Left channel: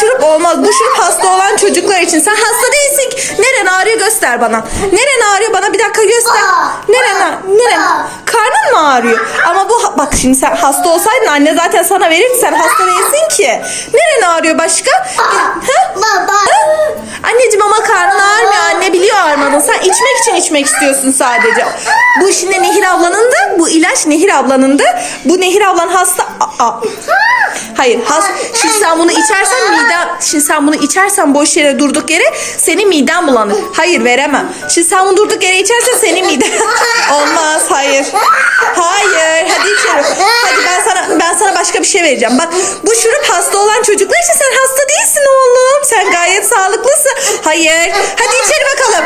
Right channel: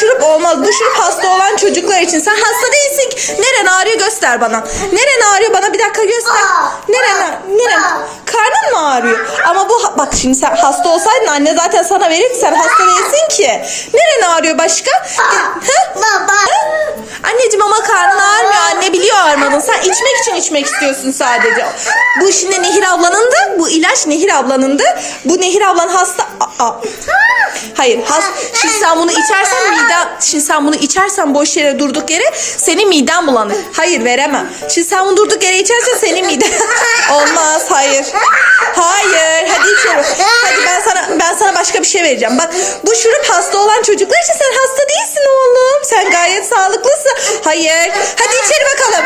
şurup olmaz. Bu şurup hasta olan çocuklar için. Sen hasta değilsin. Neren ağrıyor göster bana. Neren ağrıyor bana bir dakika göster. Neren Neren? Karnın mı ağrıyor? Ama bu bak şimdi sen hasta olsaydın anne zaten sana verirdi. Sen hasta değilsin ki. Neren ağrıyor başka? He? Baba. Anneciğim ama karnın ağrmıyor. Anne biliyor ağrımadın. Sen içmek için içmek istiyorsun sadece. Bu şimdi Nehir ablanın da bu ilaç Nehir ablanın da bu Nehir ablan hasta. Aa. Hayır. Has, şimdi sen bunu içersen miden şimdi sen bunu içersen boş yere durduk yere senin miden bulanır. Hayır veremem. Şimdi sen bunu durduk yere içersen senin miden olmaz. Hayır. Hayır. Hadi içeri. Hadi ben sana ben sana başka bir şey vereceğim. Bak bu şurup hasta olan çocuklar için sen hasta değilsin oğlum. Sen gayet sağlıklısın. Hayır. Hadi içeri bakalım.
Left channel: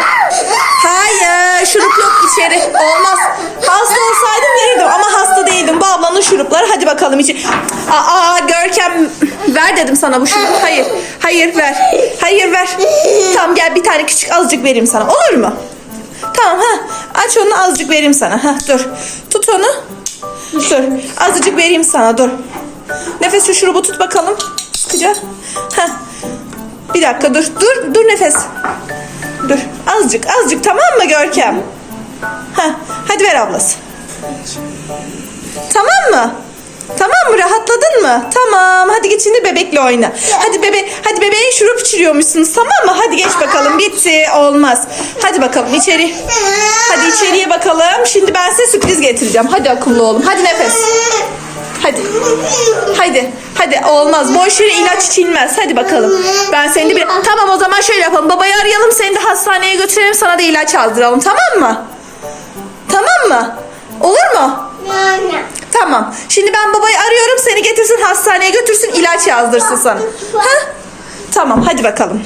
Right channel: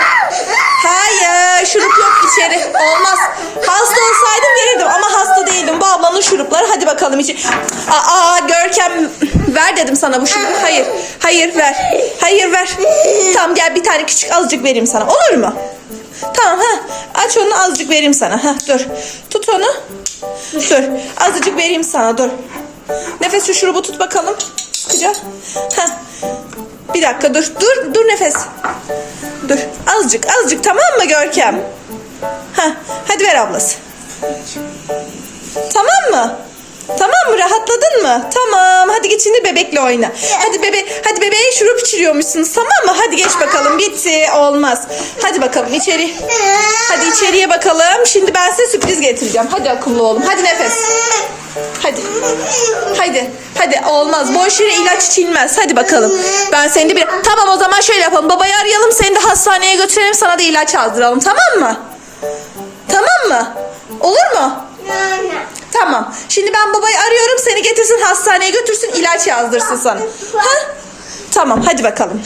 Hayır. Şurup yok içeri. Olmaz. Hasta olsaydım verirdim ama hasta değildim. Bu ablanın şurupları. Hadi bakalım içi. Aa Görkem ver dedim sana bu şurubu. Hayır. Hayır ver. Hayır ver. Tamam gel bir tane küçük azıcık vereyim sana. Olur mu? Tamam ha. Aç onu azıcık vereyim sana. Ha dur. Tut onu. Dur. Azıcık vereyim sana dur. Nefes şurubu tut bakalım. Sıkıca. Ha. Bir dakika dur. Dur dur nefes. Dur. Azıcık azıcık tamam mı Görkem? Ha. Hadi ver ablası. Tamam mı? Tamam mı? Rahatladın mı? Tamam. Hadi git şimdi bebekle oyna. Hadi bebe hadi bebeğe şurup içiriyormuşsunuz. Tamam mı? Hadi geç bakalım. Bitti. Olmaz. Hadi bakalım içeri. Hadi içeriye bakalım. Şimdi ben size sürpriz getireceğim. Hadi akıllı oğlum. Hadi nefes. Hadi. Hadi. Hadi olmaz. Boş yere ilaç içilmez. Hadi bakalım. Ben seni de bir... Tamam o zaman şöyle yapalım. Babayı arayalım. Seni de hastaneye götürelim. Sana da ilaç yazdıralım. Tamam mı? Tamam mı? Olur mu? Anne. Tamam. Şimdi ben babayı arıyorum. Seni getirsin hastaneye götürsün ilaç yazdırsın sana. Ha? Tamam hadi bakalım.